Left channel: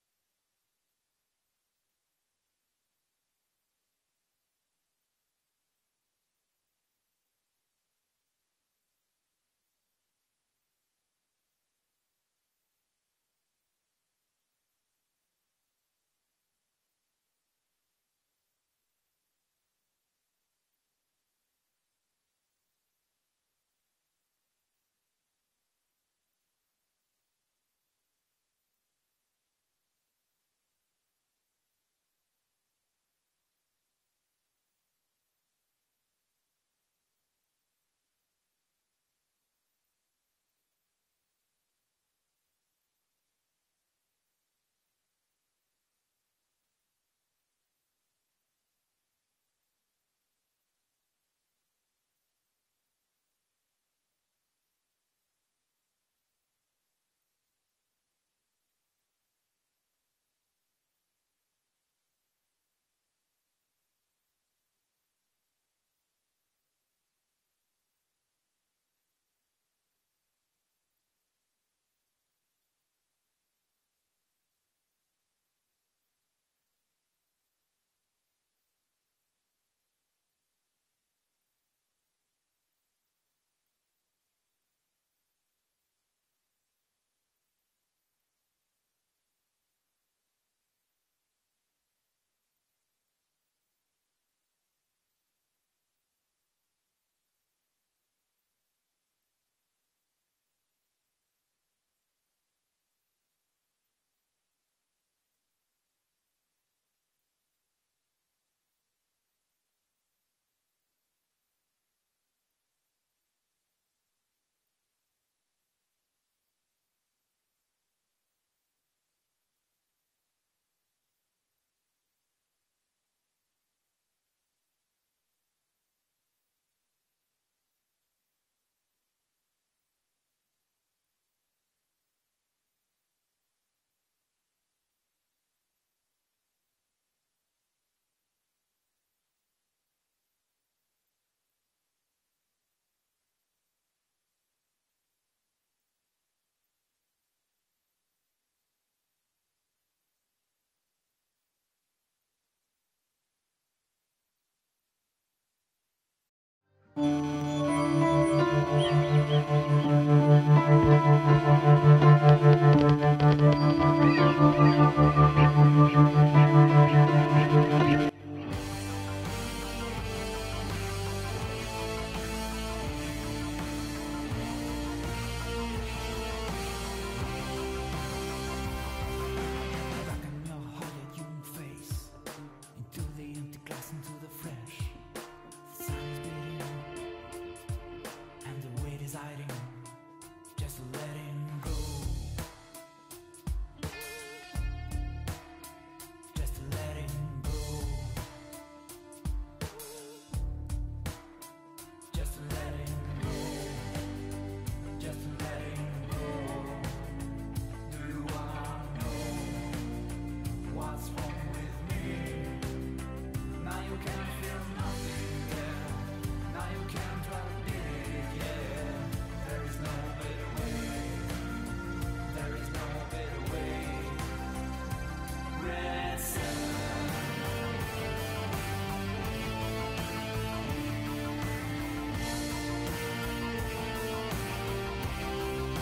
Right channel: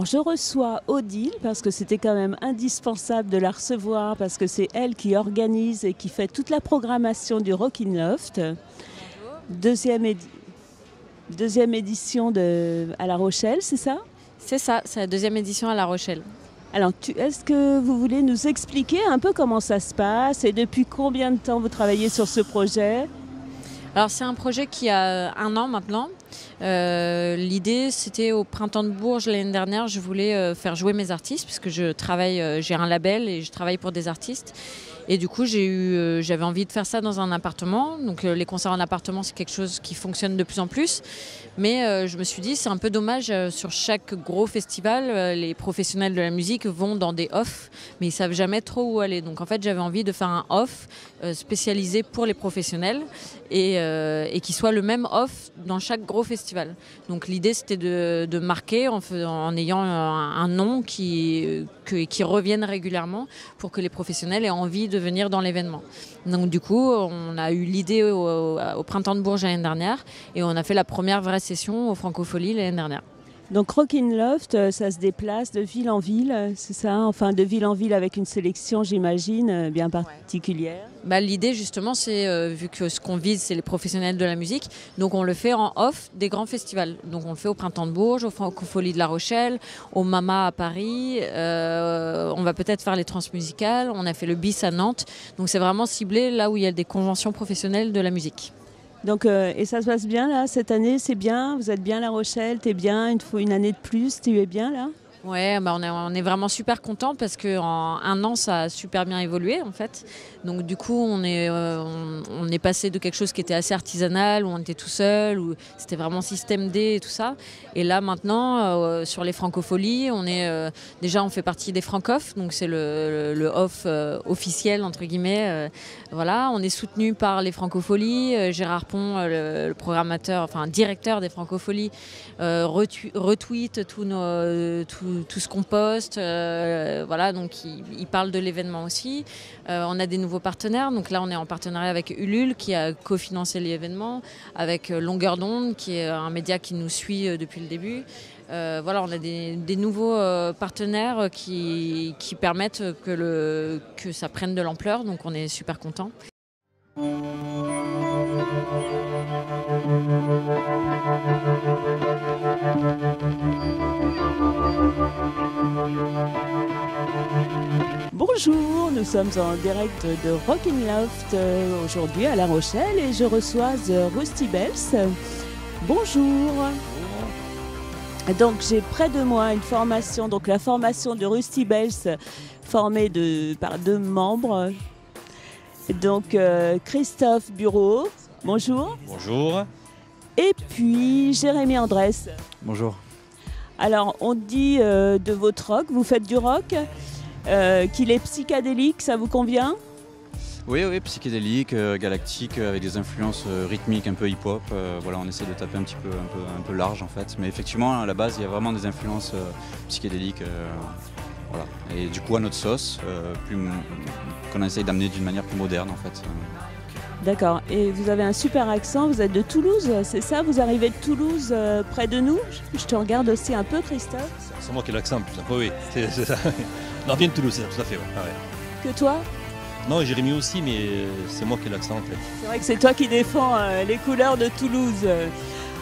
Alors je reçois Odile parce que c'était quand même indispensable de la recevoir parce que c'est elle qui organise et qui fait toute la programmation du Rockin' Loft. Deuxième, deuxième édition à La Rochelle, c'est ça? C'est ça, c'est la deuxième édition à La Rochelle. Alors est-ce que vous voulez nous expliquer un peu comment ça se passe et depuis combien de temps vous travaillez sur ce projet? Alors c'est un projet qui a 1 an maintenant. L'idée c'était au Printemps de Bourges l'année dernière, je voulais faire jouer mes artistes puisque je travaille, j'ai un label et je travaille pour des artistes. Et du coup j'avais envie de faire ça dans un appartement. Donc les concerts en appartement c'est quelque chose qui fonctionne de plus en plus. Mais je me suis dit c'est un peu dommage, sur chaque gros festival, les professionnels de la musique vont dans des off, mais ils savent jamais trop où aller. Donc en fait j'avais envie de faire un off spécialisé pour les professionnels et qui soit le même off dans chaque gros festival. Donc l'idée c'était de marquer en ayant un nom qui revienne régulièrement pour que les professionnels aient envie de venir dans l'événement. Donc du coup on a eu l'idée au Printemps de Bourges l'année dernière et on a fait la première vraie session au Francofolie l'année dernière. Donc Rockin' Loft, ça se déplace de ville en ville, c'est ça? Enfin de ville en ville avec une sélection j'imagine bien particulière. L'idée justement c'est, vu que ce qu'on vise c'est les professionnels de la musique, donc on le fait en off des grands festivals. Donc on le fait au Printemps de Bourges, au Francofolie de La Rochelle, au Mama à Paris, on va peut-être faire les transmusicales, on a fait le BIS à Nantes. Donc c'est vraiment ciblé là où il y a des conventions professionnelles de la musique. Donc, et ça se passe bien là, cette année, c'est bien, vous êtes bien à La Rochelle, t'es bien, il te faut une année de plus, tu es bien là? Ouais, on est vraiment super contents parce qu'en 1 an, ça a super bien évolué en fait. Donc du coup, on est passé de quelque chose qui était assez artisanal, où on était tout seul, où c'était vraiment système D et tout ça. Et là maintenant, sur les francopholies, déjà on fait partie des francophs, donc c'est le off officiel entre guillemets. Voilà, on est soutenu par les francopholies. Gérard Pont, le programmateur, enfin directeur des francopholies, retweet tout ce qu'on poste, voilà, donc il parle de l'événement aussi. On a des nouveaux partenaires, donc là on est en partenariat avec Ulule qui a cofinancé l'événement, avec Longueur d'onde qui est un média qui nous suit depuis le début. Voilà, on a des nouveaux partenaires qui permettent que ça prenne de l'ampleur, donc on est super contents. Bonjour, nous sommes en direct de Rockin' Loft aujourd'hui à La Rochelle et je reçois The Rusty Bells. Bonjour. Donc j'ai près de moi une formation, donc la formation de Rusty Bells formée par 2 membres. Donc Christophe Bureau, bonjour. Bonjour. Et puis Jérémy Andrès. Bonjour. Alors on dit de votre rock, vous faites du rock, qu'il est psychédélique, ça vous convient? Oui, psychédélique, galactique, avec des influences rythmiques un peu hip-hop. Voilà, on essaie de taper un peu large en fait. Mais effectivement, à la base, il y a vraiment des influences psychédéliques. Voilà. Et du coup, à notre sauce, qu'on essaie d'amener d'une manière plus moderne en fait. D'accord. Et vous avez un super accent, vous êtes de Toulouse, c'est ça? Vous arrivez de Toulouse, près de nous? Je te regarde aussi un peu, Christophe. C'est moi qui ai l'accent, putain. Oui, c'est ça. Non, vient de Toulouse, tout à fait. Ouais. Que toi? Non, Jérémy aussi, mais c'est moi qui ai l'accent en fait. C'est vrai que c'est toi qui défends les couleurs de Toulouse.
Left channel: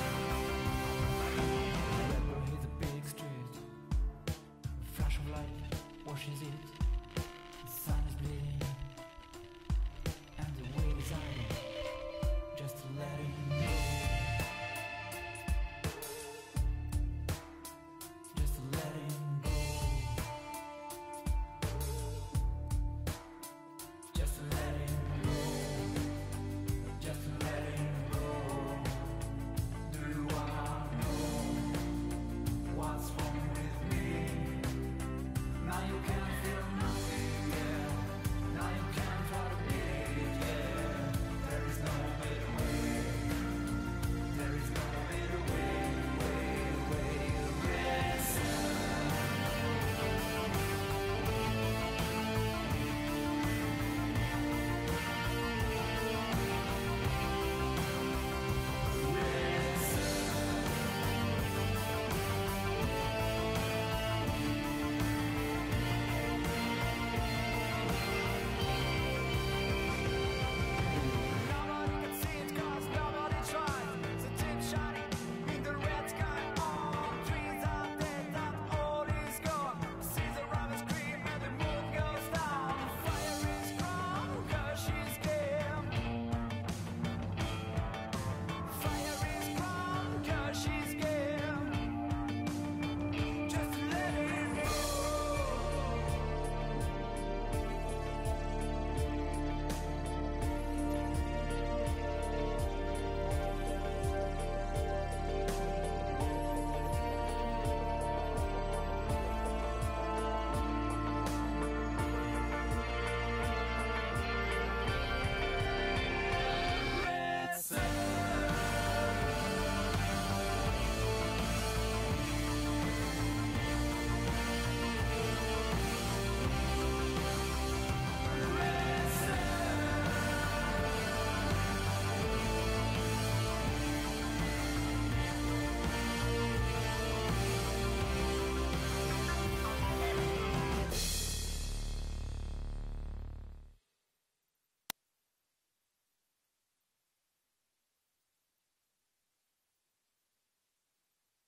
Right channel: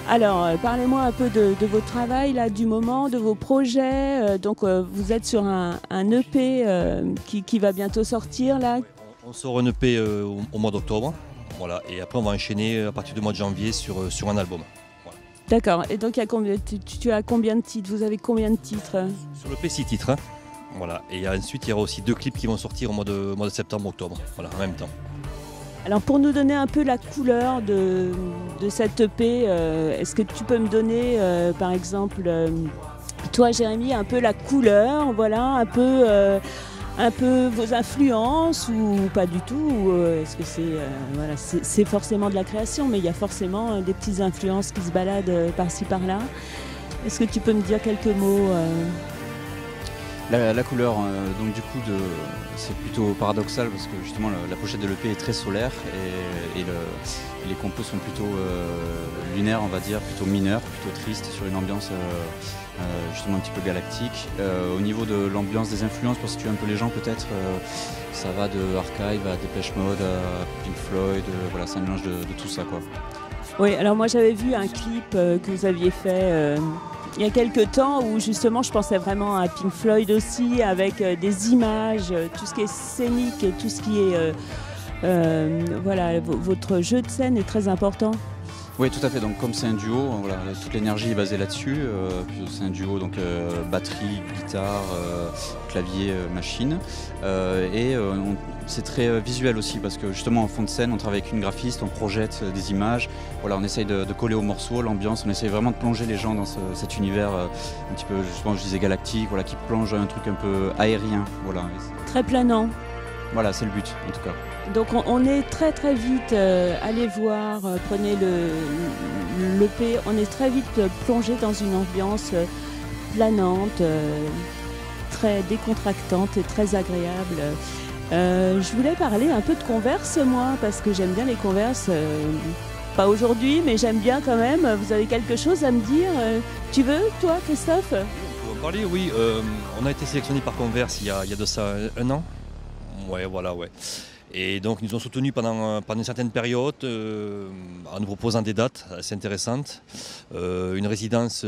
Alors, parlez-moi un peu de votre travail, là, du moment, de vos projets. Donc, vous êtes sur un EP qui va bientôt sortir, là. On sort un EP au mois d'octobre, voilà, et après on va enchaîner à partir du mois de janvier sur un album. Voilà. D'accord, et donc tu as combien de titres? Vous avez combien de titres? Sur l'EP 6 titres, hein. Voilà, et ensuite il y aura aussi 2 clips qui vont sortir au mois de septembre-octobre, voilà, en même temps. Alors pour nous donner un peu la couleur de cette EP, est-ce que tu peux me donner par exemple, toi Jérémy, un peu la couleur, voilà, un peu vos influences ou pas du tout? Est-ce que c'est forcément de la création, mais il y a forcément des petites influences qui se baladent par-ci par-là. Est-ce que tu peux me dire quelques mots? La couleur donc du coup c'est plutôt paradoxal parce que justement la pochette de l'EP est très solaire et les compos sont plutôt lunaires, on va dire, plutôt mineurs, plutôt tristes, sur une ambiance justement un petit peu galactique. Au niveau de l'ambiance des influences, pour situer un peu les gens peut-être, ça va de Archive à Depeche Mode à Pink Floyd, voilà, c'est un mélange de tout ça, quoi. Oui, alors moi j'avais vu un clip que vous aviez fait il y a quelques temps où justement je pensais vraiment à Pink Floyd aussi, avec des images, tout ce qui est scénique, tout ce qui est... voilà, votre jeu de scène est très important. Oui, tout à fait. Donc, comme c'est un duo, voilà, toute l'énergie est basée là-dessus. C'est un duo, donc batterie, guitare, clavier, machine. C'est très visuel aussi parce que justement en fond de scène, on travaille avec une graphiste, on projette des images. Voilà, on essaye de coller au morceau, l'ambiance. On essaye vraiment de plonger les gens dans cet univers un petit peu, justement, je disais galactique, voilà, qui plonge un truc un peu aérien. Voilà. Très planant. Voilà, c'est le but en tout cas. Donc on est très très vite, allez voir, prenez l'EP, on est très vite plongé dans une ambiance planante, très décontractante et très agréable. Je voulais parler un peu de Converse moi, parce que j'aime bien les Converse, pas aujourd'hui mais j'aime bien quand même. Vous avez quelque chose à me dire? Tu veux toi Christophe? On parler, oui, on a été sélectionné par Converse il y a de ça un an. Ouais, voilà, ouais. Et donc, ils nous ont soutenus pendant une certaine période en nous proposant des dates assez intéressantes. Une résidence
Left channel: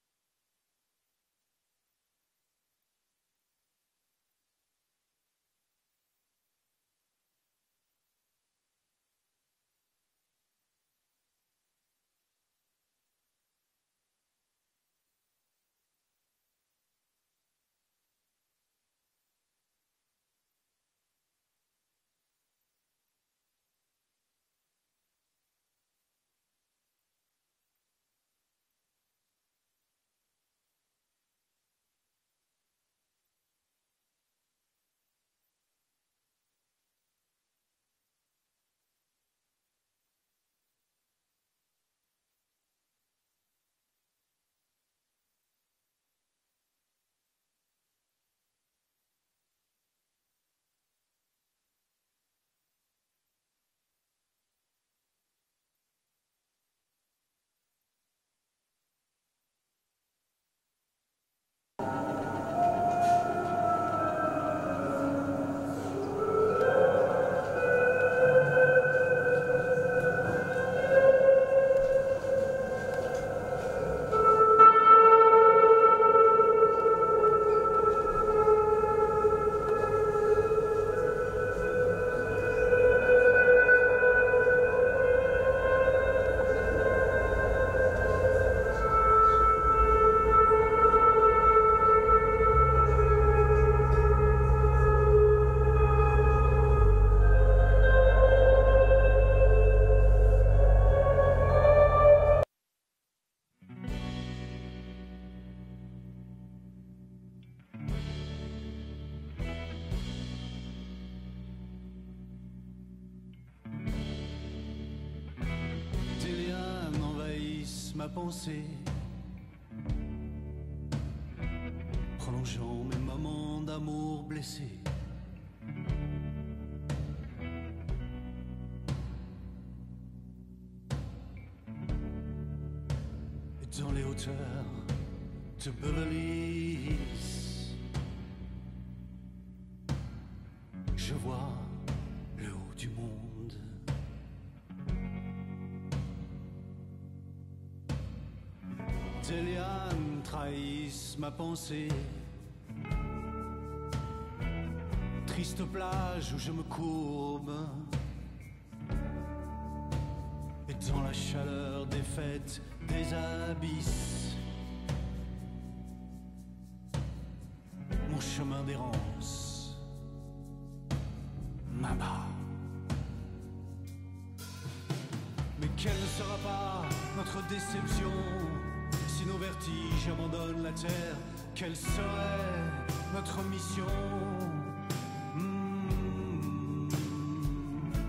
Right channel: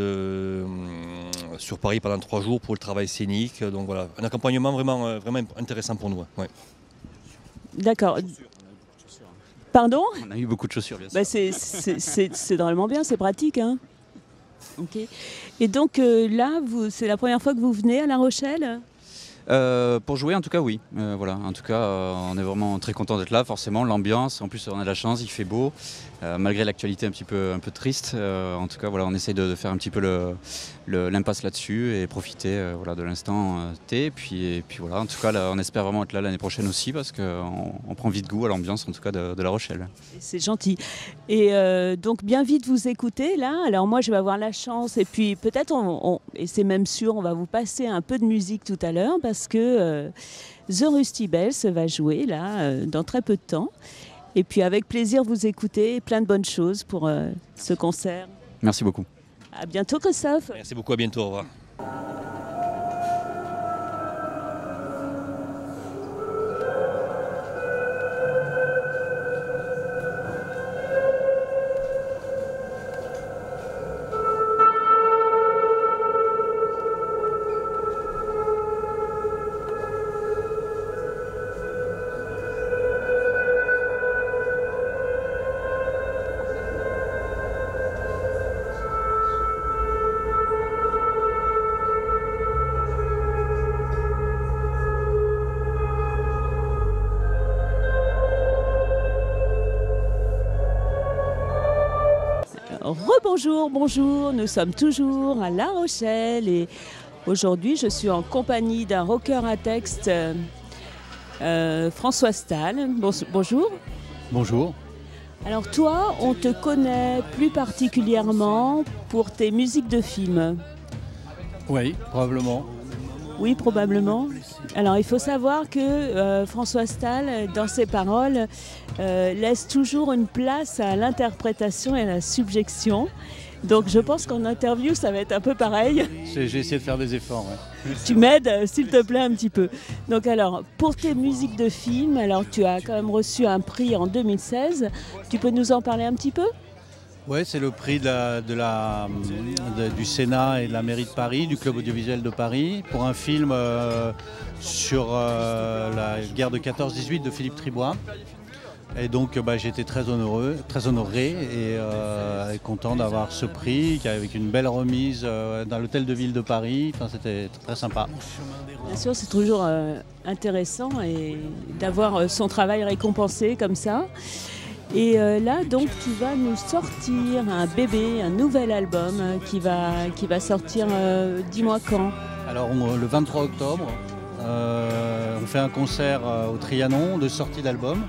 sur Paris pendant 3 jours pour le travail scénique. Donc voilà, un accompagnement vraiment intéressant pour nous. Ouais. D'accord. Pardon? On a eu beaucoup de chaussures, bien sûr. Bah c'est drôlement bien, c'est pratique. Hein. Okay. Et donc là, c'est la première fois que vous venez à La Rochelle? Pour jouer, en tout cas, oui. Voilà. En tout cas, on est vraiment très content d'être là, forcément. L'ambiance, en plus, on a de la chance, il fait beau, malgré l'actualité un peu triste. En tout cas, voilà, on essaye de faire un petit peu l'impasse là-dessus et profiter voilà, de l'instant T. Et puis voilà, en tout cas, là, on espère vraiment être là l'année prochaine aussi parce qu'on prend vite goût à l'ambiance, en tout cas, de La Rochelle. C'est gentil. Et donc, bien vite vous écouter là. Alors moi, je vais avoir la chance et puis peut-être, et c'est même sûr, on va vous passer un peu de musique tout à l'heure parce que The Rusty Bells va jouer là dans très peu de temps. Et puis avec plaisir vous écouter, plein de bonnes choses pour ce concert. Merci beaucoup. À bientôt Christophe. Merci beaucoup, à bientôt, au revoir. Bonjour, nous sommes toujours à La Rochelle et aujourd'hui je suis en compagnie d'un rocker à texte, François Stahl. Bonjour. Bonjour. Alors toi, on te connaît plus particulièrement pour tes musiques de films. Oui, probablement. Oui, probablement. Alors il faut savoir que François Stahl, dans ses paroles, laisse toujours une place à l'interprétation et à la subjection. Donc je pense qu'en interview, ça va être un peu pareil. J'ai essayé de faire des efforts. Ouais. Tu m'aides, s'il te plaît, un petit peu. Donc alors, pour tes musiques de films, alors tu as quand même reçu un prix en 2016. Tu peux nous en parler un petit peu ? Oui, c'est le prix du Sénat et de la mairie de Paris, du Club audiovisuel de Paris, pour un film sur la guerre de 14-18 de Philippe Tribois. Et donc j'ai été très honoré et content d'avoir ce prix, avec une belle remise dans l'hôtel de ville de Paris. Enfin, c'était très sympa. Bien sûr, c'est toujours intéressant et d'avoir son travail récompensé comme ça. Et là, donc, tu vas nous sortir un bébé, un nouvel album qui va sortir, dis-moi quand. Alors, le 23 octobre, on fait un concert au Trianon de sortie d'album,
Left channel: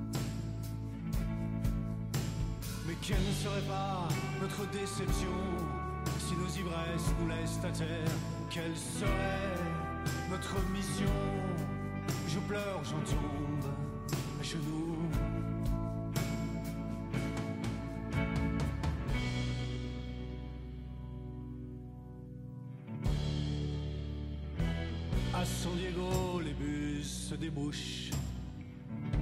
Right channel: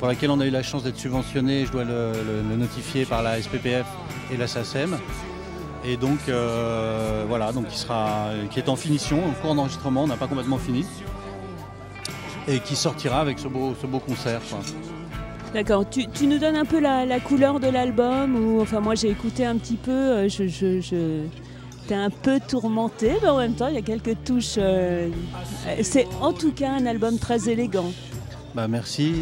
pour laquelle on a eu la chance d'être subventionné, je dois le notifier par la SPPF et la SACEM. Et donc, voilà, donc qui est en finition, en cours d'enregistrement, on n'a pas complètement fini. et qui sortira avec ce beau concert, quoi. D'accord, tu nous donnes un peu la couleur de l'album ou, enfin moi j'ai écouté un petit peu, t'es un peu tourmenté, mais en même temps il y a quelques touches. C'est en tout cas un album très élégant. Bah merci.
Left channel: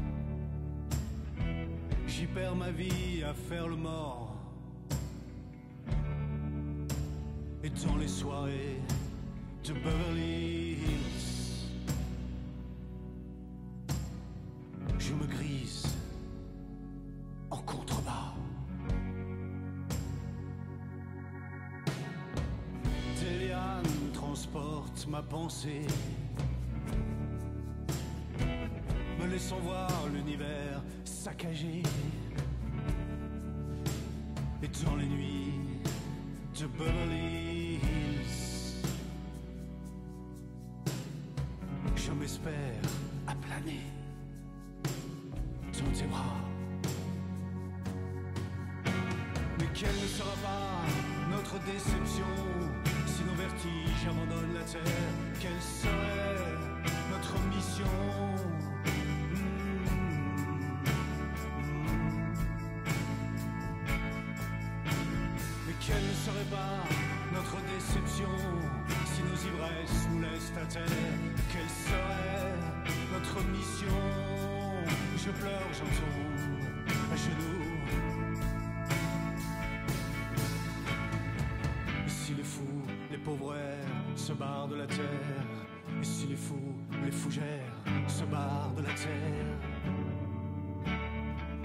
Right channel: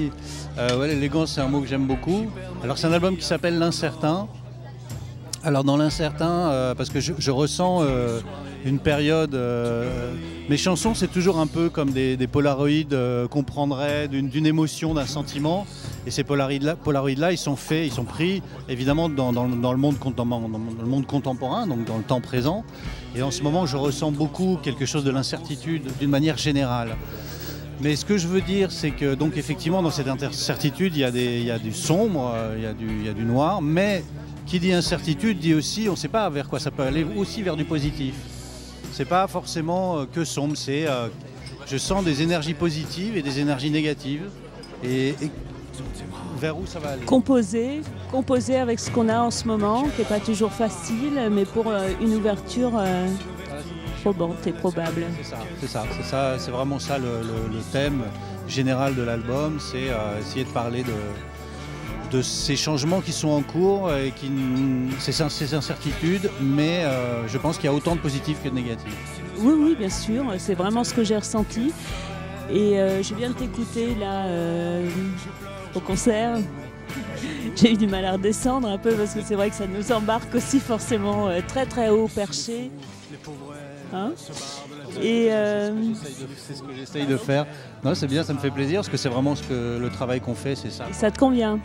Ouais, l'élégance c'est un mot que j'aime beaucoup. Alors c'est un album qui s'appelle L'Incertain. Alors dans l'incertain, parce que je ressens une période... mes chansons c'est toujours un peu comme des polaroïds qu'on prendrait d'une émotion, d'un sentiment. Et ces polaroïds-là, ils sont pris évidemment dans le monde contemporain, donc dans le temps présent. Et en ce moment, je ressens beaucoup quelque chose de l'incertitude d'une manière générale. Mais ce que je veux dire, c'est que donc effectivement dans cette incertitude, il y a du sombre, il y a du noir, mais qui dit incertitude dit aussi, on ne sait pas vers quoi ça peut aller, aussi vers du positif. C'est pas forcément que sombre, c'est je sens des énergies positives et des énergies négatives. Et vers où ça va aller. Composer avec ce qu'on a en ce moment, qui n'est pas toujours facile, mais pour une ouverture probante et probable. C'est vraiment ça le thème général de l'album, c'est essayer de parler de ces changements qui sont en cours, et ces incertitudes, mais je pense qu'il y a autant de positifs que de négatifs. Oui, bien sûr, c'est vraiment ce que j'ai ressenti. Et je viens de t'écouter là au concert. J'ai eu du mal à redescendre un peu parce que c'est vrai que ça nous embarque aussi forcément très très haut perché. Hein, et c'est ce que j'essaye de faire. Non, c'est bien, ça me fait plaisir parce que c'est vraiment le travail qu'on fait, c'est ça. Ça te convient?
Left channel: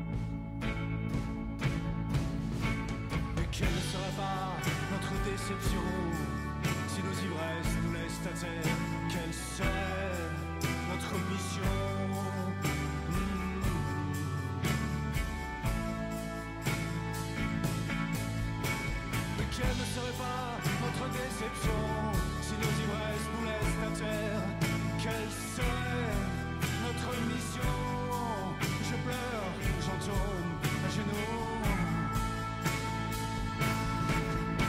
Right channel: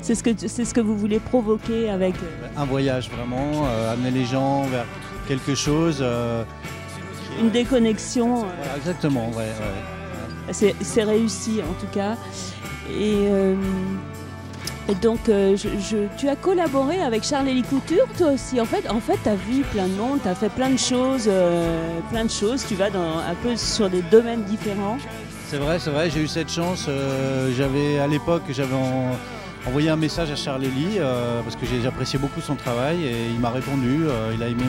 C'est ce que vous voulez provoquer avec un voyage vraiment, amener les gens vers quelque chose. Une déconnexion. Exactement, ouais. C'est réussi en tout cas. Et donc, tu as collaboré avec Charles-Élie Couture, toi aussi. En fait, tu as vu plein de monde, tu as fait plein de choses. Tu vas un peu sur des domaines différents. C'est vrai, j'ai eu cette chance. À l'époque, j'avais envoyé un message à Charles-Élie parce que j'appréciais beaucoup son travail et il m'a répondu. Il a aimé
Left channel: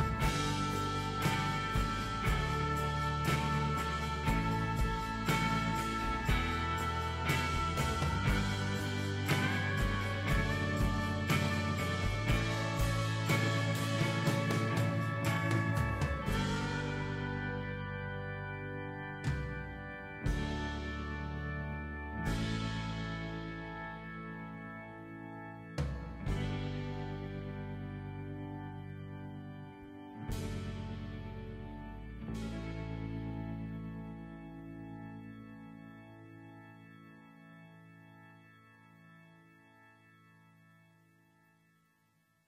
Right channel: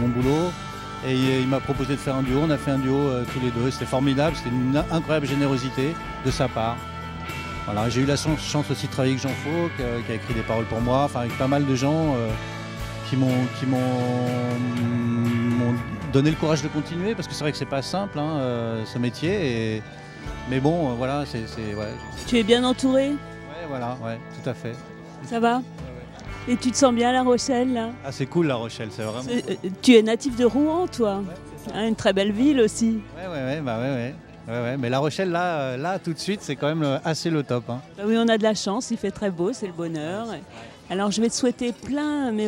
mon boulot. Et il m'a proposé de faire un duo, on a fait un duo tous les deux, c'était formidable, c'était une incroyable générosité de sa part. Voilà, j'ai eu la chance aussi de travailler avec Jean Faux, qui a écrit des paroles pour moi, enfin avec pas mal de gens qui m'ont donné le courage de continuer, parce que c'est vrai que c'est pas simple ce métier, mais bon, voilà, ouais. Tu es bien entouré? Ouais, tout à fait. Ça va? Et tu te sens bien à La Rochelle là? Ah, c'est cool La Rochelle, c'est vraiment... Tu es natif de Rouen toi, une très belle ville aussi. Ouais, mais La Rochelle là tout de suite c'est quand même assez le top. Hein. Oui, on a de la chance, il fait très beau, c'est le bonheur. Alors je vais te souhaiter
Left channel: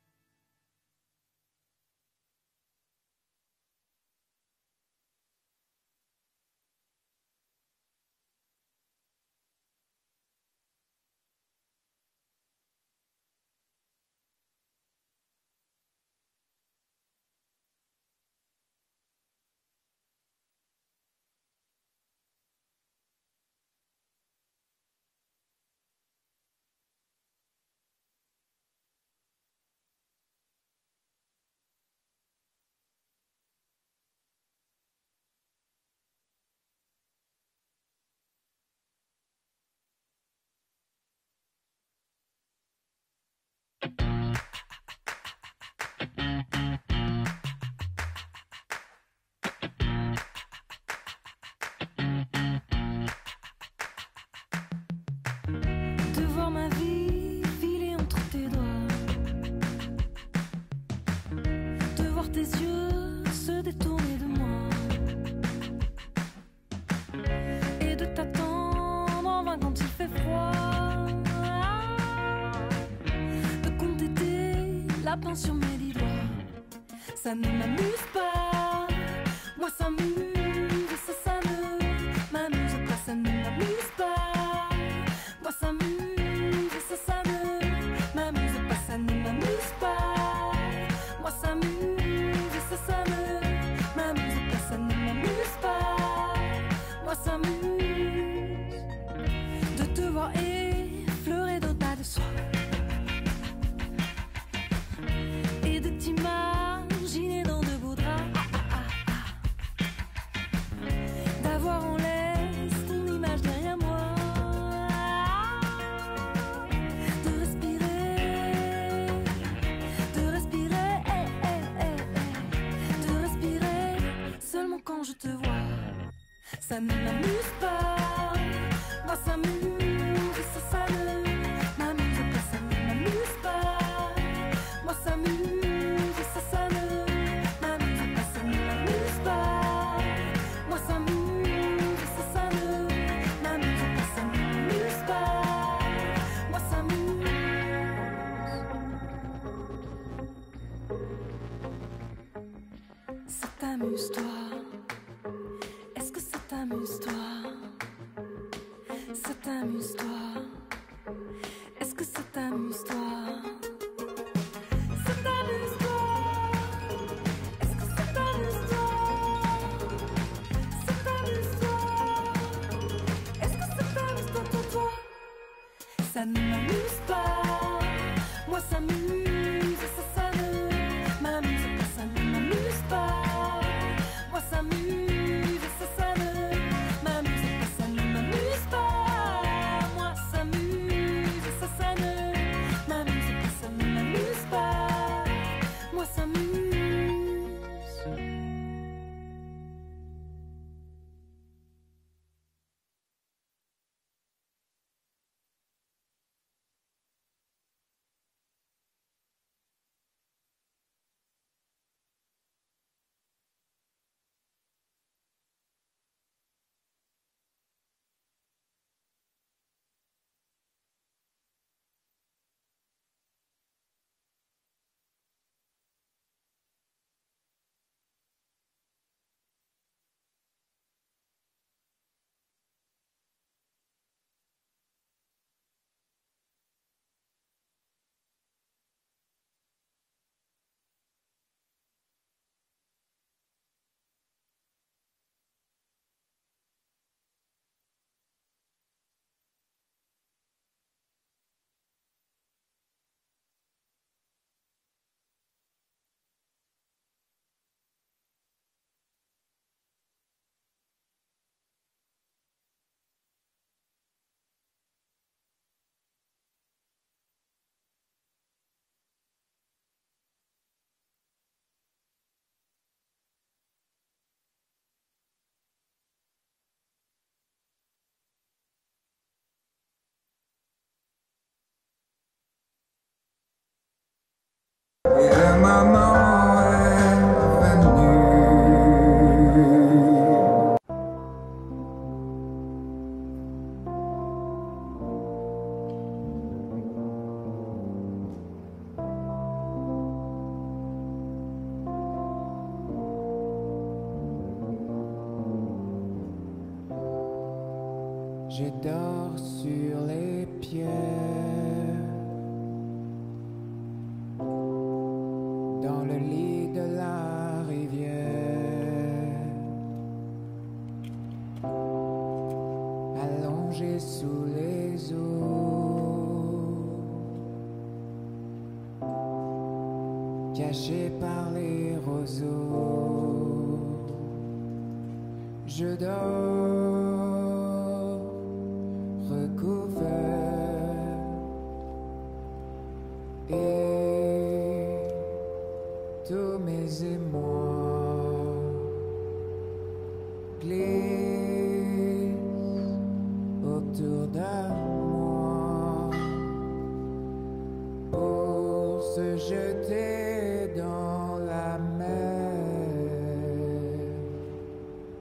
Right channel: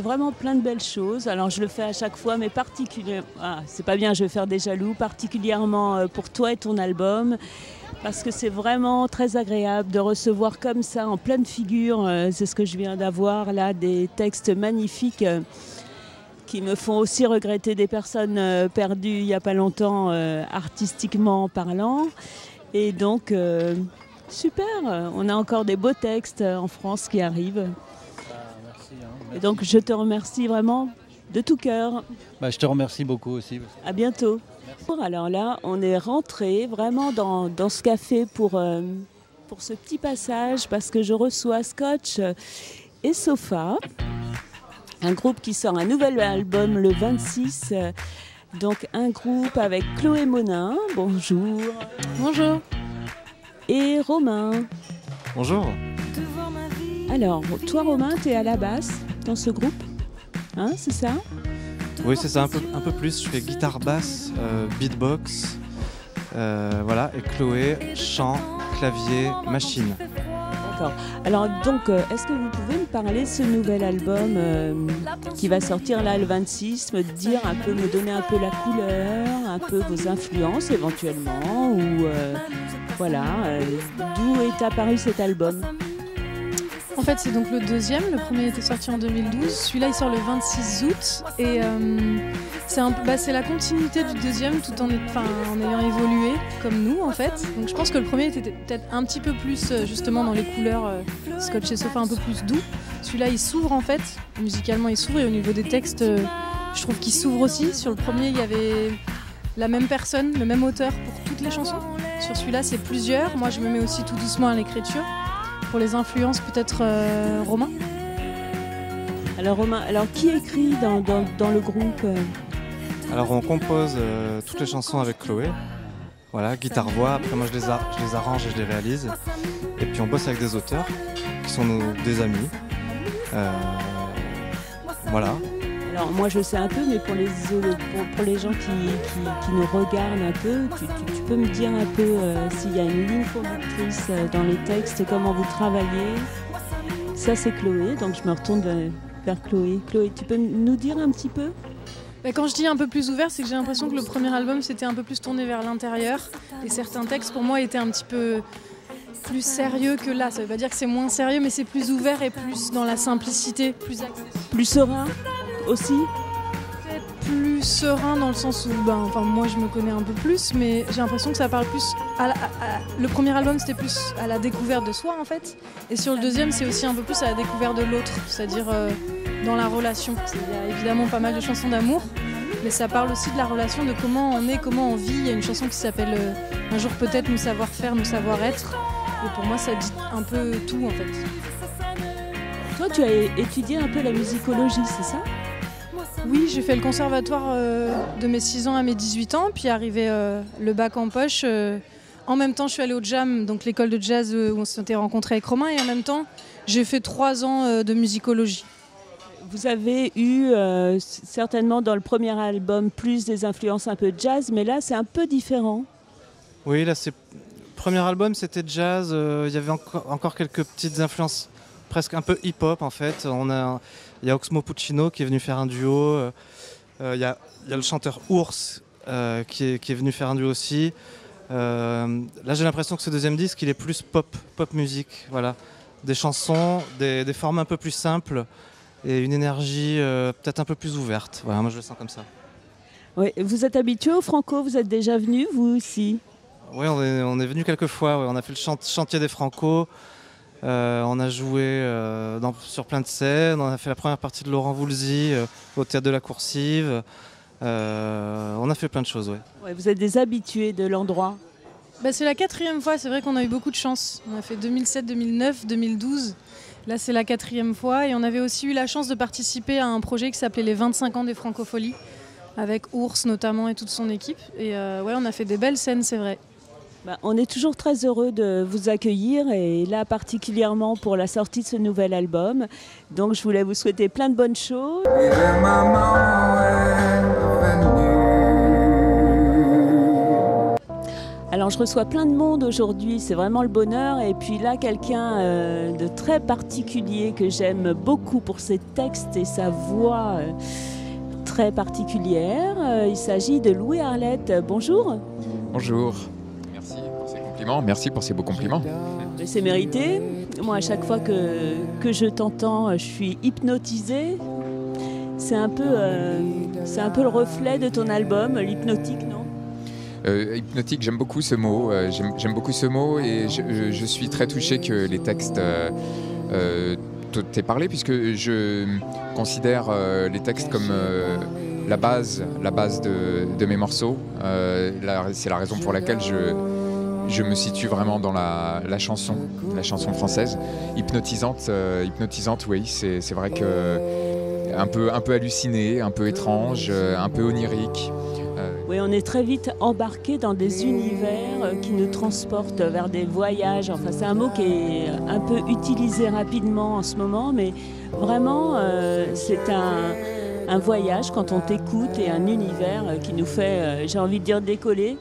vraiment plein de belles choses. Alors je le fais à chaque fois, mais particulièrement, c'est pas bien, je vais faire des jaloux, particulièrement pour toi et ton album. Parce que c'est vraiment très agréable de recevoir comme ça, en pleine figure, c'est ce que je viens d'avoir là, des textes magnifiques qui me font aussi regretter des personnes perdues il n'y a pas longtemps, artistiquement parlant. Et donc, super, on a encore des beaux textes en France qui arrivent. Merci. Et donc, je te remercie vraiment de tout cœur. Je te remercie beaucoup aussi. À bientôt. Alors là, on est rentré vraiment dans ce café pour ce petit passage parce que je reçois Scotch et Sofa, un groupe qui sort un nouvel album le 26. Donc un groupe avec Chloé Monin, bonjour. Bonjour. Et Romain. Bonjour. Alors, toi Romain, tu es à la basse dans ce groupe, hein, c'est ça? Oui, c'est ça, un peu plus. Je fais guitare basse, beatbox, voilà, et Chloé, chant, clavier, machine. D'accord. Alors donc, est-ce que vous pouvez me parler de ce nouvel album qui va sortir là le 26, me dire un peu, me donner un peu la couleur, un peu vos influences éventuellement, ou voilà, d'où est apparu cet album? En fait, c'est donc le deuxième. Le premier était sorti en 2012. Celui-là, il sort le 26 août. Et c'est la continuité du deuxième, tout en ayant évolué comme nous, en fait. Donc, je pense que le premier était peut-être un petit peu plus, justement, dans les couleurs Scotch et Sofa, un peu plus doux. Celui-là, il s'ouvre, en fait. Musicalement, il s'ouvre. Et au niveau des textes, je trouve qu'il s'ouvre aussi. Sur le premier, il y avait la même personne, le même auteur pour toutes les chansons. Sur celui-là, celui-là c'est plusieurs. Moi je me mets aussi tout doucement à l'écriture. Pour les influences peut-être Romain. Alors Romain, qui écrit dans le groupe Alors on compose toutes les chansons avec Chloé. Voilà, guitare-voix, après moi je les arrange et je les réalise. Et puis on bosse avec des auteurs qui sont des amis. Voilà. Alors moi je sais un peu, mais pour les gens qui nous regardent un peu, tu peux me dire un peu s'il y a une ligne conductrice dans le texte, comment vous travaillez. Ça c'est Chloé, donc je me retourne vers Chloé. Chloé, tu peux nous dire un petit peu ? Quand je dis un peu plus ouvert, c'est que j'ai l'impression que le premier album c'était un peu plus tourné vers l'intérieur. Et certains textes pour moi étaient un petit peu plus sérieux que là. Ça veut pas dire que c'est moins sérieux, mais c'est plus ouvert et plus dans la simplicité. Plus serein aussi ? Plus serein dans le sens où, moi je me connais un peu plus, mais j'ai l'impression que ça parle plus le premier album c'était plus à la découverte de soi en fait. Et sur le deuxième c'est aussi un peu plus à la découverte de l'autre, c'est-à-dire dans la relation. Il y a évidemment pas mal de chansons d'amour, mais ça parle aussi de la relation, de comment on est, comment on vit. Il y a une chanson qui s'appelle Un jour peut-être nous savoir-faire, nous savoir-être. Et pour moi ça dit un peu tout en fait. Toi tu as étudié un peu la musicologie, c'est ça ? Oui, j'ai fait le conservatoire de mes 6 ans à mes 18 ans, puis arrivé le bac en poche. En même temps, je suis allée au Jam, donc l'école de jazz où on s'était rencontrés avec Romain, et en même temps, j'ai fait 3 ans de musicologie. Vous avez eu certainement dans le premier album plus des influences un peu jazz, mais là c'est un peu différent. Oui, là c'est le premier album, c'était jazz. Il y avait encore quelques petites influences, presque un peu hip-hop en fait. Il y a Oxmo Puccino qui est venu faire un duo. Il y a le chanteur Ours qui est venu faire un duo aussi. Là j'ai l'impression que ce deuxième disque il est plus pop musique. Voilà. Des chansons, des formes un peu plus simples et une énergie peut-être un peu plus ouverte. Voilà, moi je le sens comme ça. Oui, vous êtes habitué au Franco, vous êtes déjà venu vous aussi ? Oui, on est venu quelques fois. Ouais. On a fait le chantier des Franco. On a joué sur plein de scènes. On a fait la première partie de Laurent Voulzy au Théâtre de la Coursive. On a fait plein de choses, ouais. Ouais, vous êtes des habitués de l'endroit. C'est la 4e fois, c'est vrai qu'on a eu beaucoup de chance. On a fait 2007, 2009, 2012. Là, c'est la 4e fois. Et on avait aussi eu la chance de participer à un projet qui s'appelait les 25 ans des Francopholies, avec Ours notamment et toute son équipe. Et on a fait des belles scènes, c'est vrai. On est toujours très heureux de vous accueillir et là particulièrement pour la sortie de ce nouvel album. Donc je voulais vous souhaiter plein de bonnes choses. Alors je reçois plein de monde aujourd'hui, c'est vraiment le bonheur. Et puis là quelqu'un de très particulier que j'aime beaucoup pour ses textes et sa voix très particulière. Il s'agit de Louis Arlette. Bonjour. Bonjour. Merci pour ces beaux compliments. C'est mérité. Moi, à chaque fois que je t'entends, je suis hypnotisée. C'est un peu le reflet de ton album, l'hypnotique, non ? Hypnotique, j'aime beaucoup ce mot. J'aime beaucoup ce mot et je suis très touché que les textes t'aient parlé, puisque je considère les textes comme la base de mes morceaux. C'est la raison pour laquelle je me situe vraiment dans la chanson française. Hypnotisante, oui, c'est vrai que un peu halluciné, un peu étrange, un peu onirique. Oui, on est très vite embarqué dans des univers qui nous transportent vers des voyages. Enfin, c'est un mot qui est un peu utilisé rapidement en ce moment, mais vraiment, c'est un voyage quand on t'écoute et un univers qui nous fait, j'ai envie de dire, décoller.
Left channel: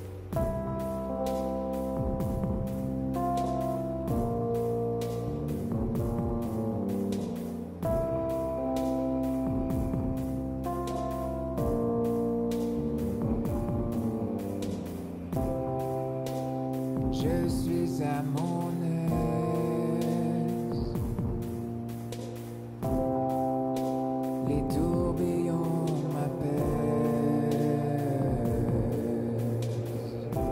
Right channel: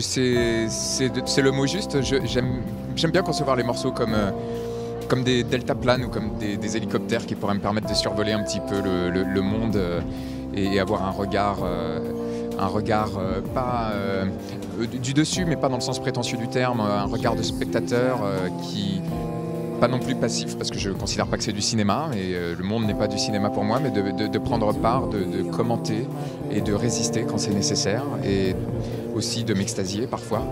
C'est le mot juste. J'aime bien concevoir les morceaux comme des deltaplanes ou comme des hélicoptères qui pourraient me permettre de survoler un petit peu le monde et avoir un regard pas du dessus, mais pas dans le sens prétentieux du terme, un regard de spectateur qui pas non plus passif, parce que je ne considère pas que c'est du cinéma, et le monde n'est pas du cinéma pour moi, mais de prendre part, de commenter et de résister quand c'est nécessaire, et aussi de m'extasier parfois.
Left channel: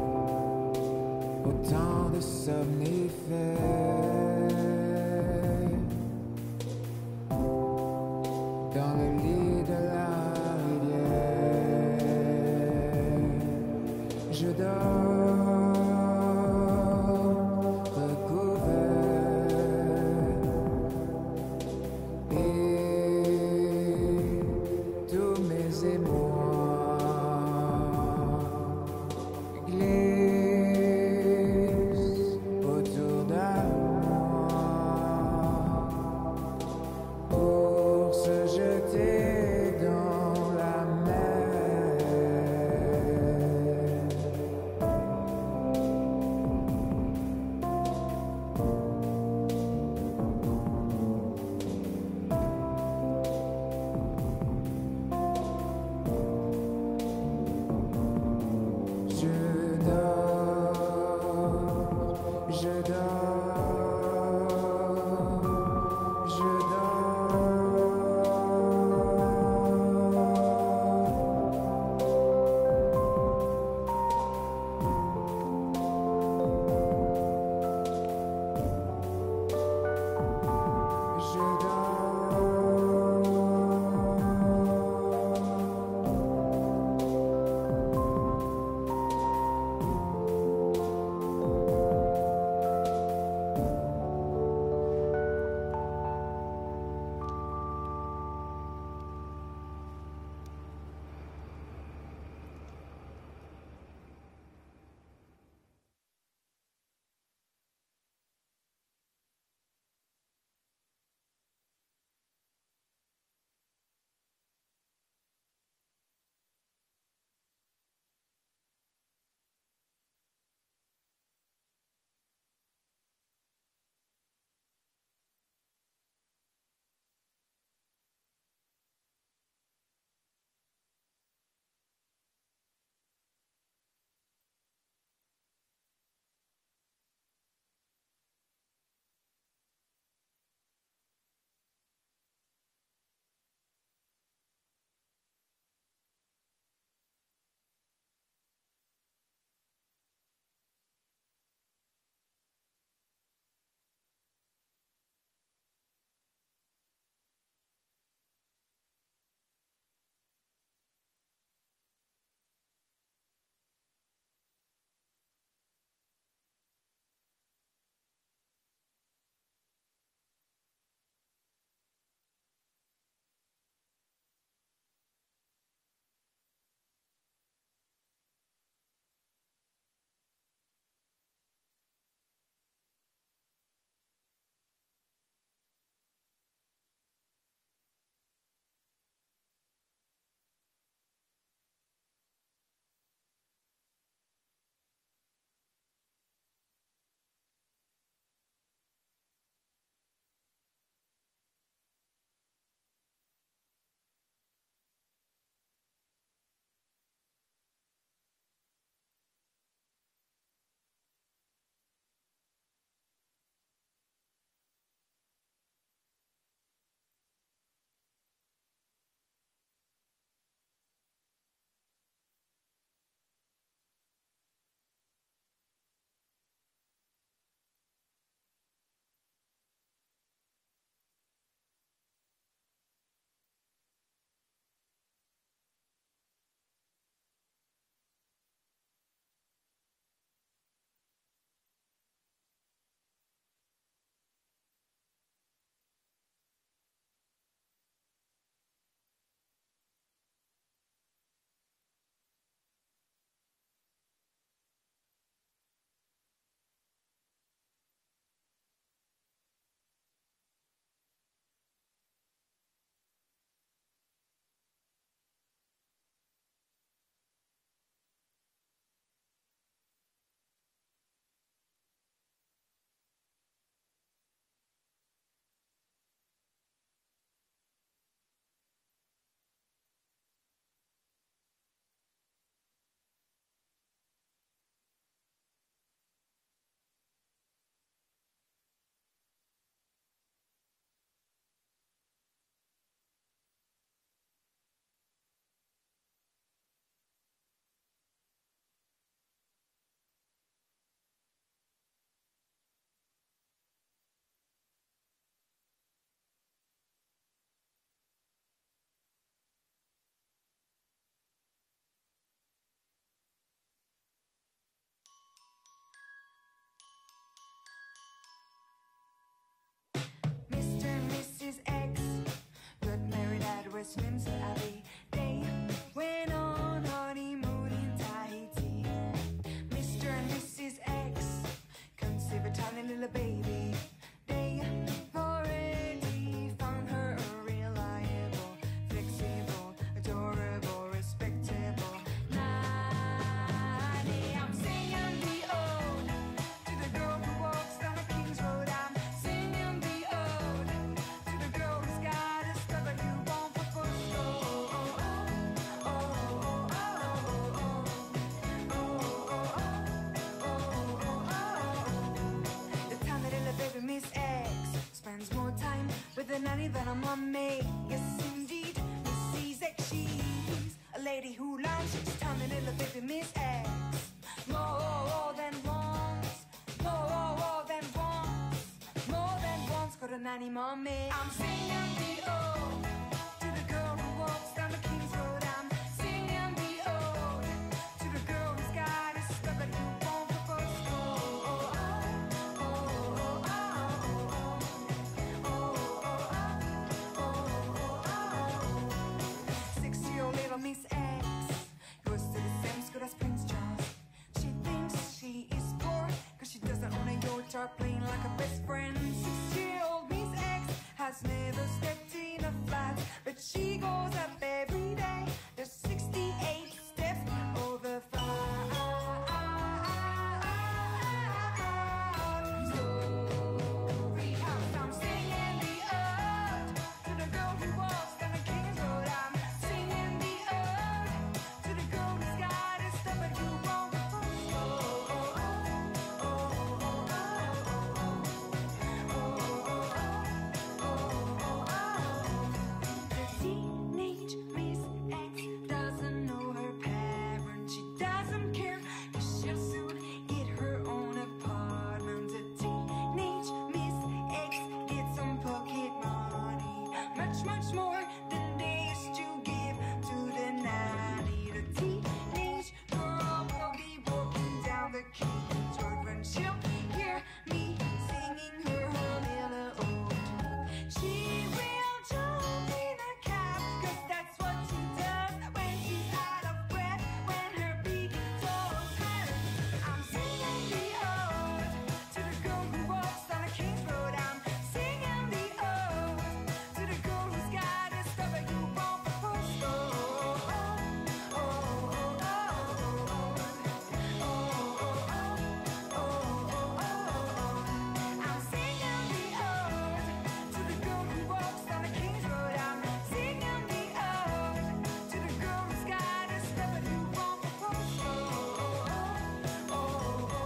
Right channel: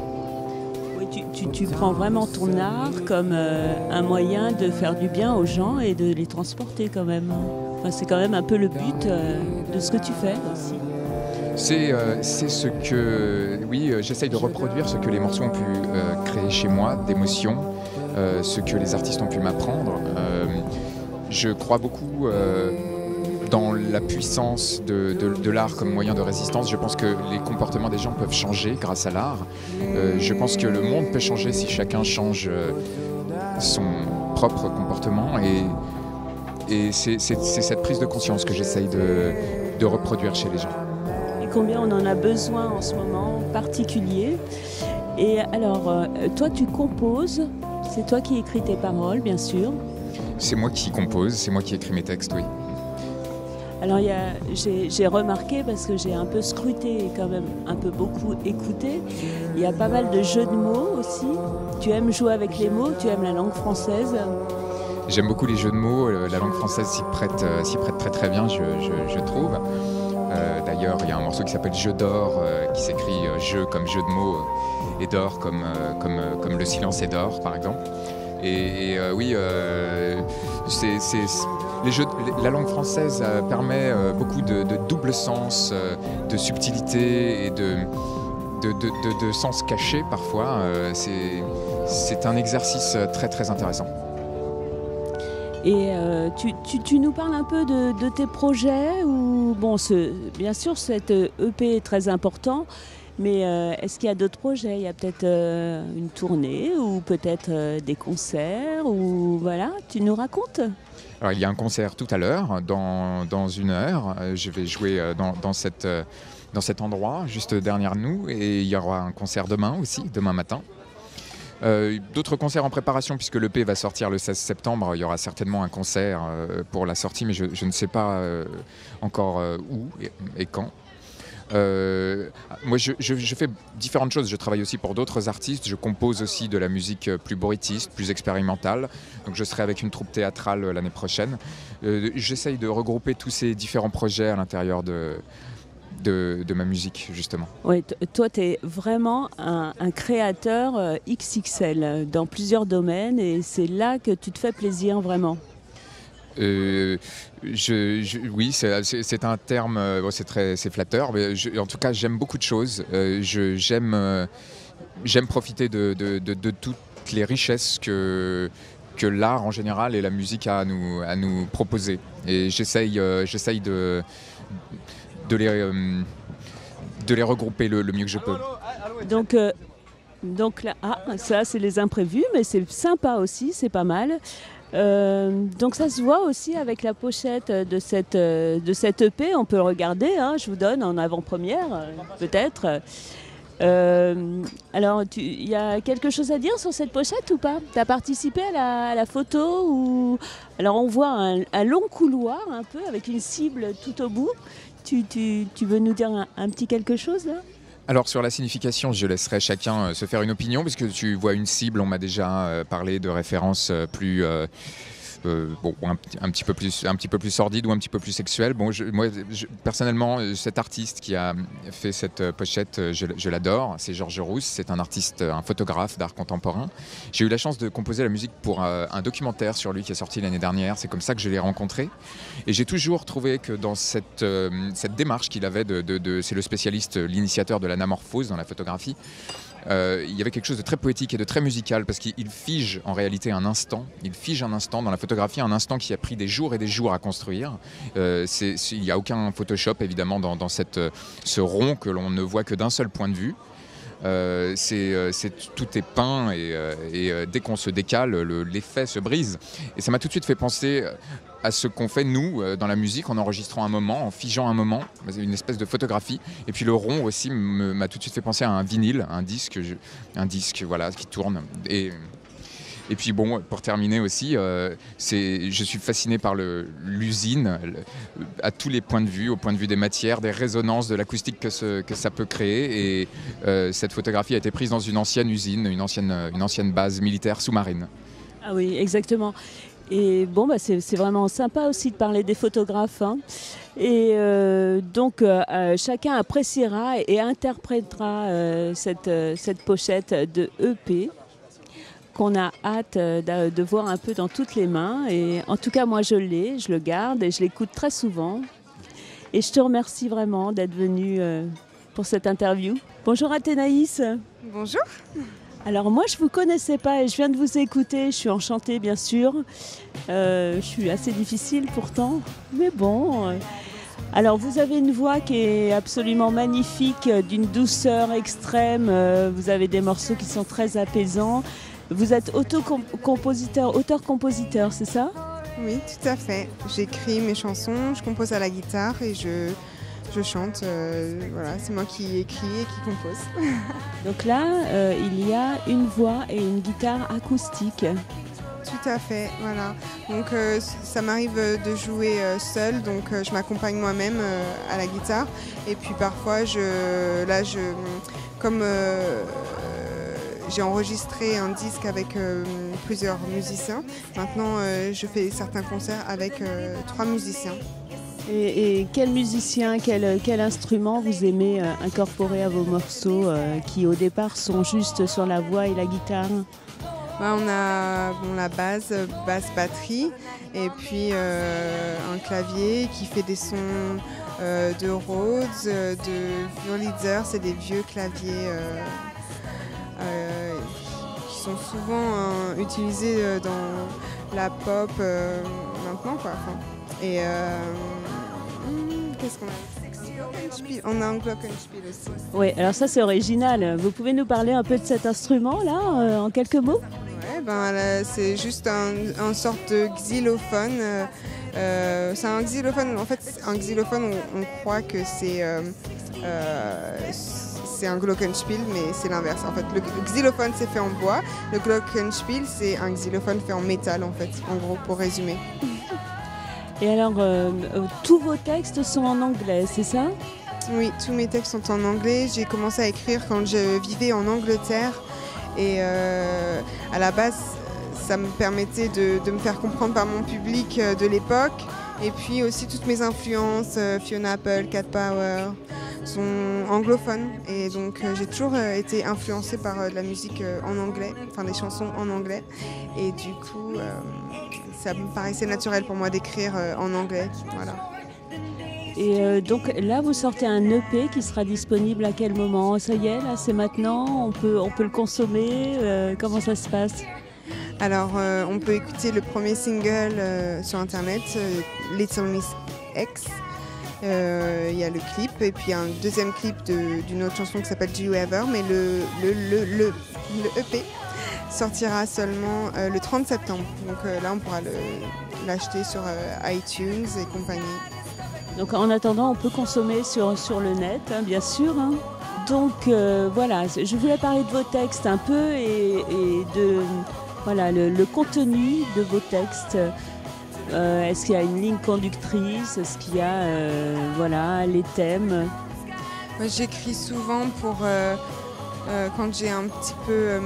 Oui, tu prends vraiment ton art comme un moyen de faire du bien aux gens et de les transporter quand même. Enfin, c'est quand même un peu le but de ce que tu fais. C'est ce que oui, j'essaye de reproduire ce que les morceaux ont pu créer chez moi, d'émotions, ce que les artistes ont pu m'apprendre. Je crois beaucoup dans la puissance de l'art comme moyen de résistance. Je pense que les comportements des gens peuvent changer grâce à l'art. Je pense que le monde peut changer si chacun change son propre comportement. Et c'est cette prise de conscience que j'essaye de reproduire chez les gens. Et combien on en a besoin en ce moment en particulier. Et alors, toi tu composes, c'est toi qui écris tes paroles bien sûr. C'est moi qui compose, c'est moi qui écris mes textes, oui. Alors j'ai remarqué, parce que j'ai un peu scruté et quand même un peu beaucoup écouté, il y a pas mal de jeux de mots aussi. Tu aimes jouer avec les mots, tu aimes la langue française. J'aime beaucoup les jeux de mots, la langue française s'y prête très très bien, je trouve. D'ailleurs, il y a un morceau qui s'appelle Jeu d'or, qui s'écrit jeu comme jeu de mots et d'or comme le silence est d'or, par exemple. Oui, la langue française permet beaucoup de double sens, de subtilité et de sens caché parfois. C'est un exercice très très intéressant. Et tu nous parles un peu de tes projets ou, bon, bien sûr, cette EP est très important, mais est-ce qu'il y a d'autres projets? Il y a peut-être une tournée ou peut-être des concerts ou voilà, tu nous racontes? Alors, il y a un concert tout à l'heure, dans 1 heure. Je vais jouer dans cet endroit, juste derrière nous, et il y aura un concert demain aussi, demain matin. D'autres concerts en préparation puisque l'EP va sortir le 16 septembre. Il y aura certainement un concert pour la sortie, mais je ne sais pas encore où et quand. Moi je fais différentes choses, je travaille aussi pour d'autres artistes, je compose aussi de la musique plus bruitiste, plus expérimentale, donc je serai avec une troupe théâtrale l'année prochaine. J'essaye de regrouper tous ces différents projets à l'intérieur de ma musique, justement. Oui, toi, tu es vraiment un créateur XXL dans plusieurs domaines et c'est là que tu te fais plaisir vraiment. Oui, c'est un terme, c'est flatteur, mais en tout cas, j'aime beaucoup de choses. J'aime profiter de toutes les richesses que l'art en général et la musique a à nous proposer. Et j'essaye de les regrouper le mieux que je peux. Donc là, ça c'est les imprévus, mais c'est sympa aussi, c'est pas mal. Donc ça se voit aussi avec la pochette de cette EP, on peut le regarder, hein, je vous donne en avant-première peut-être. Alors il y a quelque chose à dire sur cette pochette ou pas? Tu as participé à la photo ou... Alors on voit un long couloir un peu avec une cible tout au bout. Tu veux nous dire un petit quelque chose là? Alors sur la signification, je laisserai chacun se faire une opinion, puisque tu vois une cible, on m'a déjà parlé de références plus un petit peu plus sordide ou un petit peu plus sexuelle. Bon, moi personnellement, cet artiste qui a fait cette pochette, je l'adore. C'est Georges Rousse, c'est un artiste, un photographe d'art contemporain. J'ai eu la chance de composer la musique pour un documentaire sur lui qui est sorti l'année dernière. C'est comme ça que je l'ai rencontré. Et j'ai toujours trouvé que dans cette démarche qu'il avait, c'est le spécialiste, l'initiateur de l'anamorphose dans la photographie. Il y avait quelque chose de très poétique et de très musical parce qu'il fige en réalité un instant. Il fige un instant dans la photographie, un instant qui a pris des jours et des jours à construire. Il n'y a aucun Photoshop évidemment dans ce rond que l'on ne voit que d'un seul point de vue. Tout est peint et dès qu'on se décale, l'effet se brise. Et ça m'a tout de suite fait penser à ce qu'on fait nous dans la musique en enregistrant un moment, en figeant un moment, une espèce de photographie. Et puis le rond aussi m'a tout de suite fait penser à un vinyle, un disque voilà, qui tourne. Et puis bon, pour terminer aussi, je suis fasciné par l'usine à tous les points de vue, au point de vue des matières, des résonances, de l'acoustique que ça peut créer. Et cette photographie a été prise dans une ancienne usine, une ancienne base militaire sous-marine. Ah oui, exactement. Et bon, c'est vraiment sympa aussi de parler des photographes, hein. Et donc chacun appréciera et interprétera cette pochette de EP qu'on a hâte de voir un peu dans toutes les mains. Et en tout cas, moi je le garde et je l'écoute très souvent. Et je te remercie vraiment d'être venu pour cette interview. Bonjour Athénaïs. Bonjour. Alors moi je vous connaissais pas et je viens de vous écouter, je suis enchantée bien sûr. Je suis assez difficile pourtant, mais bon. Alors vous avez une voix qui est absolument magnifique, d'une douceur extrême, vous avez des morceaux qui sont très apaisants. Vous êtes auteur-compositeur, c'est ça? Oui, tout à fait. J'écris mes chansons, je compose à la guitare et je chante. Voilà, c'est moi qui écris et qui compose. Donc là, il y a une voix et une guitare acoustique. Tout à fait, voilà. Donc ça m'arrive de jouer seule, donc je m'accompagne moi-même à la guitare. Et puis parfois, comme j'ai enregistré un disque avec plusieurs musiciens, maintenant je fais certains concerts avec 3 musiciens. Et quel musicien, quel instrument vous aimez incorporer à vos morceaux qui au départ sont juste sur la voix et la guitare? On a la basse, batterie et puis un clavier qui fait des sons de Rhodes, de Wurlitzer, c'est des vieux claviers qui sont souvent utilisés dans la pop maintenant quoi. Et qu'est-ce qu'on a? On a un glockenspiel aussi. Oui, alors ça c'est original. Vous pouvez nous parler un peu de cet instrument là, en quelques mots? C'est juste un sorte de xylophone. C'est un xylophone. En fait, un xylophone, on croit que c'est un glockenspiel, mais c'est l'inverse. En fait, le xylophone c'est fait en bois. Le glockenspiel c'est un xylophone fait en métal en fait. En gros, pour résumer. Et alors, tous vos textes sont en anglais, c'est ça? Oui, tous mes textes sont en anglais. J'ai commencé à écrire quand je vivais en Angleterre. Et à la base, ça me permettait de me faire comprendre par mon public de l'époque. Et puis aussi toutes mes influences, Fiona Apple, Cat Power, sont anglophones. Et donc j'ai toujours été influencée par de la musique en anglais, enfin des chansons en anglais. Et du coup, ça me paraissait naturel pour moi d'écrire en anglais. Voilà. Et donc là, vous sortez un EP qui sera disponible à quel moment? Ça y est, là, c'est maintenant? On peut le consommer? Comment ça se passe? Alors, on peut écouter le premier single sur Internet, Little Miss X. Il y a le clip et puis un deuxième clip d'une autre chanson qui s'appelle Do You Ever, mais le EP sortira seulement le 30 septembre. Donc là, on pourra l'acheter sur iTunes et compagnie. Donc en attendant, on peut consommer sur le net, hein, bien sûr. Hein. Donc voilà, je voulais parler de vos textes un peu et de voilà, le contenu de vos textes. Est-ce qu'il y a une ligne conductrice? Est-ce qu'il y a voilà, les thèmes? J'écris souvent pour quand j'ai un petit peu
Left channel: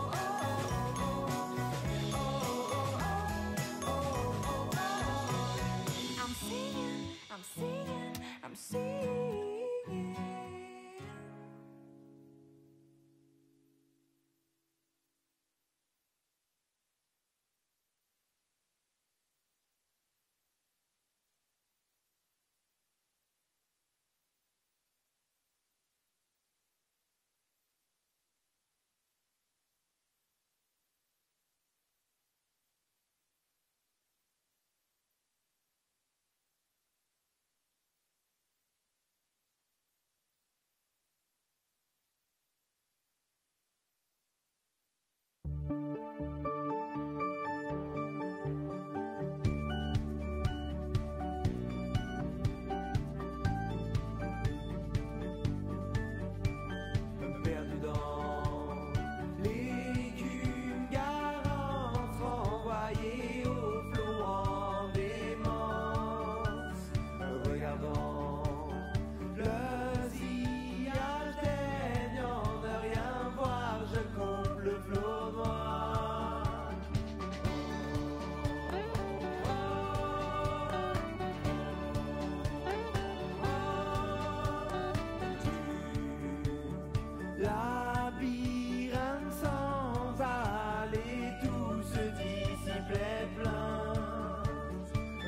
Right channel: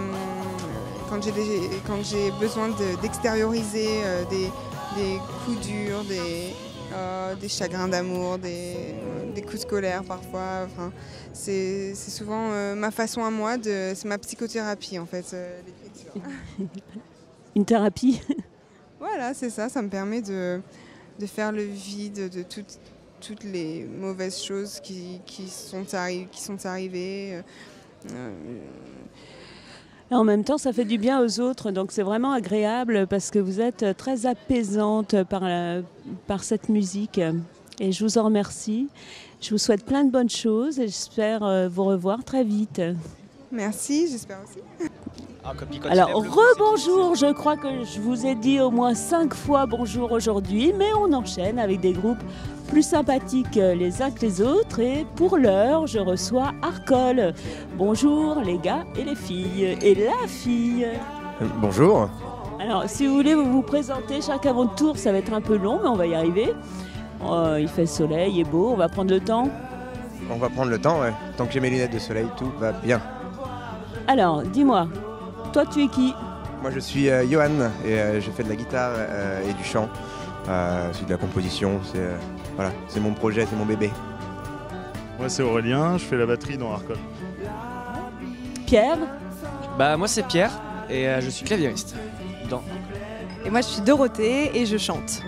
quand j'ai besoin d'extérioriser des coups durs, des chagrins d'amour, des coups de colère parfois. Enfin, c'est souvent ma façon à moi, c'est ma psychothérapie en fait, l'écriture. Une thérapie? Voilà, c'est ça, ça me permet de faire le vide de toutes les mauvaises choses qui sont arrivées. Et en même temps, ça fait du bien aux autres, donc c'est vraiment agréable parce que vous êtes très apaisante par cette musique. Et je vous en remercie. Je vous souhaite plein de bonnes choses et j'espère vous revoir très vite. Merci, j'espère aussi. Alors, rebonjour, je crois que je vous ai dit au moins 5 fois bonjour aujourd'hui, mais on enchaîne avec des groupes plus sympathiques les uns que les autres. Et pour l'heure, je reçois Arcole. Bonjour les gars et les filles, et la fille. Bonjour. Alors, si vous voulez vous présenter chacun votre tour, ça va être un peu long, mais on va y arriver. Il fait soleil, il est beau, on va prendre le temps. On va prendre le temps, ouais. Tant que j'ai mes lunettes de soleil, tout va bien. Alors, dis-moi, toi tu es qui? Moi je suis Johan et je fais de la guitare et du chant. C'est de la composition, c'est mon projet, c'est mon bébé. Moi c'est Aurélien, je fais la batterie dans Arcole. Pierre? Moi c'est Pierre et je suis claviériste. Et moi je suis Dorothée et je chante.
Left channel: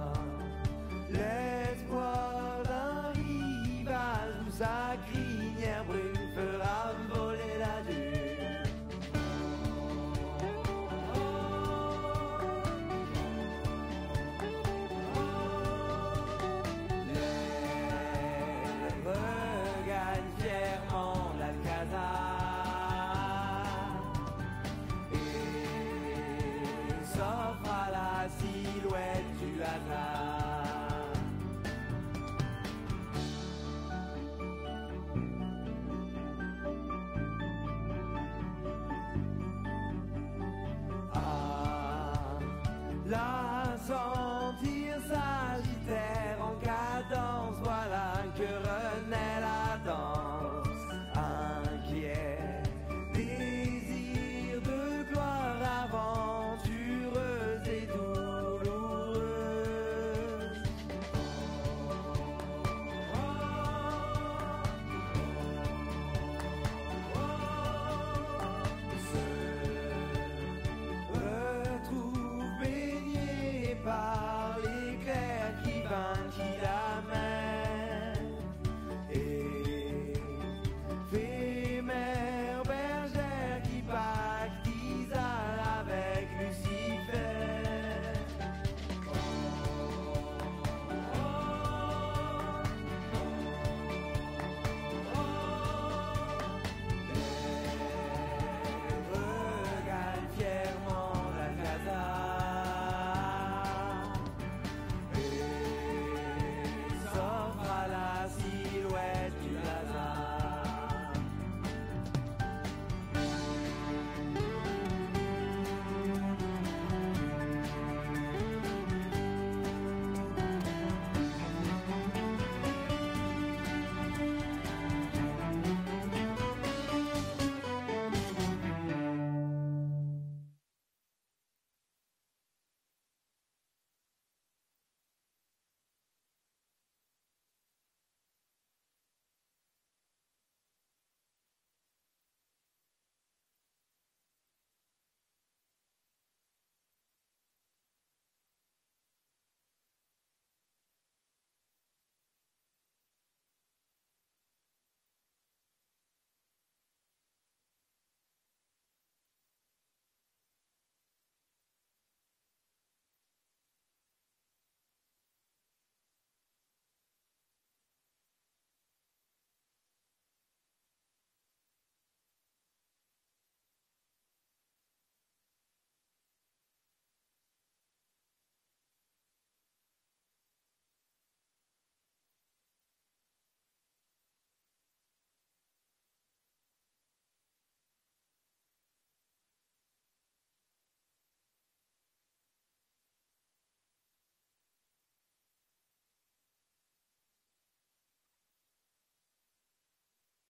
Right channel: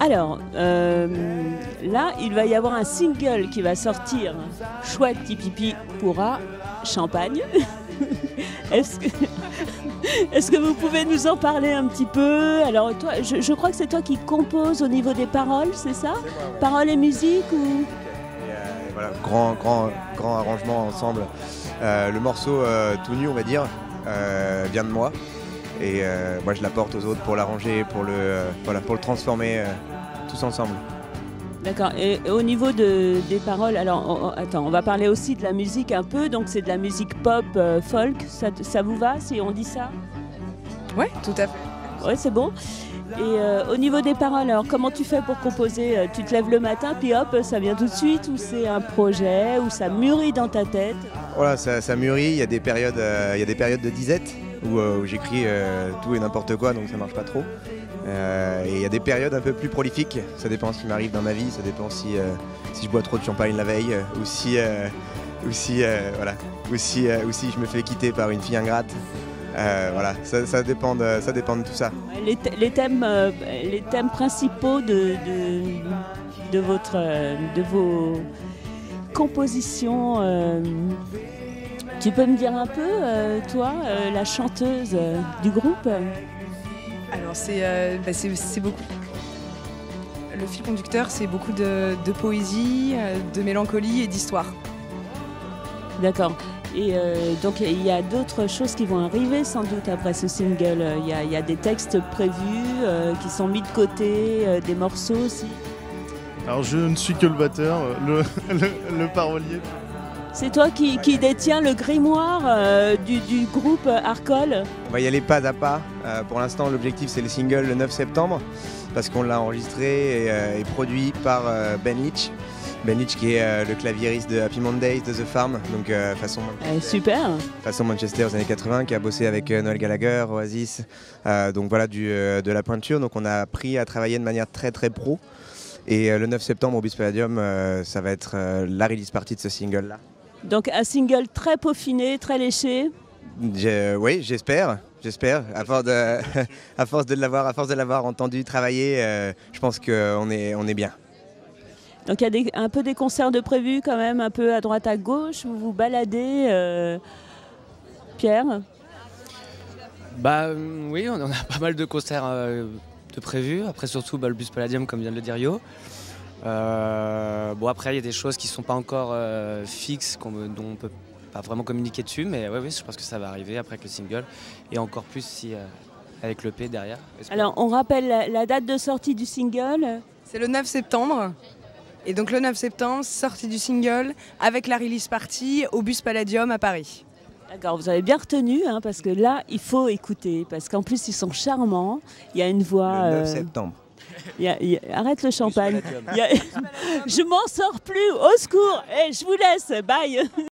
Alors, là, il va y avoir un single qui va sortir, Chouette Tipipi pourra, Champagne. Est-ce que vous pouvez nous en parler un petit peu? Alors, toi, je crois que c'est toi qui composes au niveau des paroles, c'est ça? Paroles et musique ou... Voilà, grand arrangement ensemble. Le morceau tout nu, on va dire, vient de moi. Et moi, je l'apporte aux autres pour l'arranger, pour le transformer tous ensemble. D'accord. Et au niveau des paroles, alors attends, on va parler aussi de la musique un peu. Donc c'est de la musique pop, folk. Ça vous va si on dit ça? Oui, tout à fait. Ouais, c'est bon. Et au niveau des paroles, alors comment tu fais pour composer? Tu te lèves le matin, puis hop, ça vient tout de suite, ou c'est un projet, ou ça mûrit dans ta tête? Voilà, ça mûrit. Il y a des périodes de disette où j'écris tout et n'importe quoi, donc ça marche pas trop. Et il y a des périodes un peu plus prolifiques. Ça dépend ce qui m'arrive dans ma vie. Ça dépend si je bois trop de champagne la veille, ou si je me fais quitter par une fille ingrate. Voilà, ça dépend de tout ça. Les thèmes principaux de vos compositions, tu peux me dire un peu, toi, la chanteuse du groupe? Alors c'est beaucoup. Le fil conducteur, c'est beaucoup de poésie, de mélancolie et d'histoire. D'accord. Et donc il y a d'autres choses qui vont arriver sans doute après ce single. Il y a des textes prévus qui sont mis de côté, des morceaux aussi. Alors je ne suis que le batteur, le parolier. C'est toi qui détiens le grimoire du groupe Arcole? On va y aller pas à pas. Pour l'instant, l'objectif c'est le single le 9 septembre parce qu'on l'a enregistré et produit par Ben Hitch. Ben Hitch qui est le claviériste de Happy Mondays, de The Farm, donc façon Manchester aux années 80, qui a bossé avec Noel Gallagher, Oasis, donc voilà de la pointure. Donc on a appris à travailler de manière très très pro. Et le 9 septembre au Bus Palladium, ça va être la release party de ce single-là. Donc un single très peaufiné, très léché. Oui, j'espère. À force de l'avoir entendu travailler, je pense qu'on est bien. Donc il y a un peu des concerts de prévus quand même, un peu à droite à gauche, vous vous baladez, Pierre? Oui, on a pas mal de concerts de prévus, après surtout le Bus Palladium comme vient de le dire Yo. Après il y a des choses qui ne sont pas encore fixes, dont on ne peut pas vraiment communiquer dessus, mais oui, je pense que ça va arriver après avec le single, et encore plus si, avec l'EP derrière. Alors on rappelle la date de sortie du single? C'est le 9 septembre. Et donc le 9 septembre, sortie du single avec la release party au Bus Palladium à Paris. D'accord, vous avez bien retenu, parce que là, il faut écouter, parce qu'en plus, ils sont charmants. Il y a une voix... Le 9 septembre. Arrête le champagne. Je m'en sors plus, au secours. Je vous laisse, bye.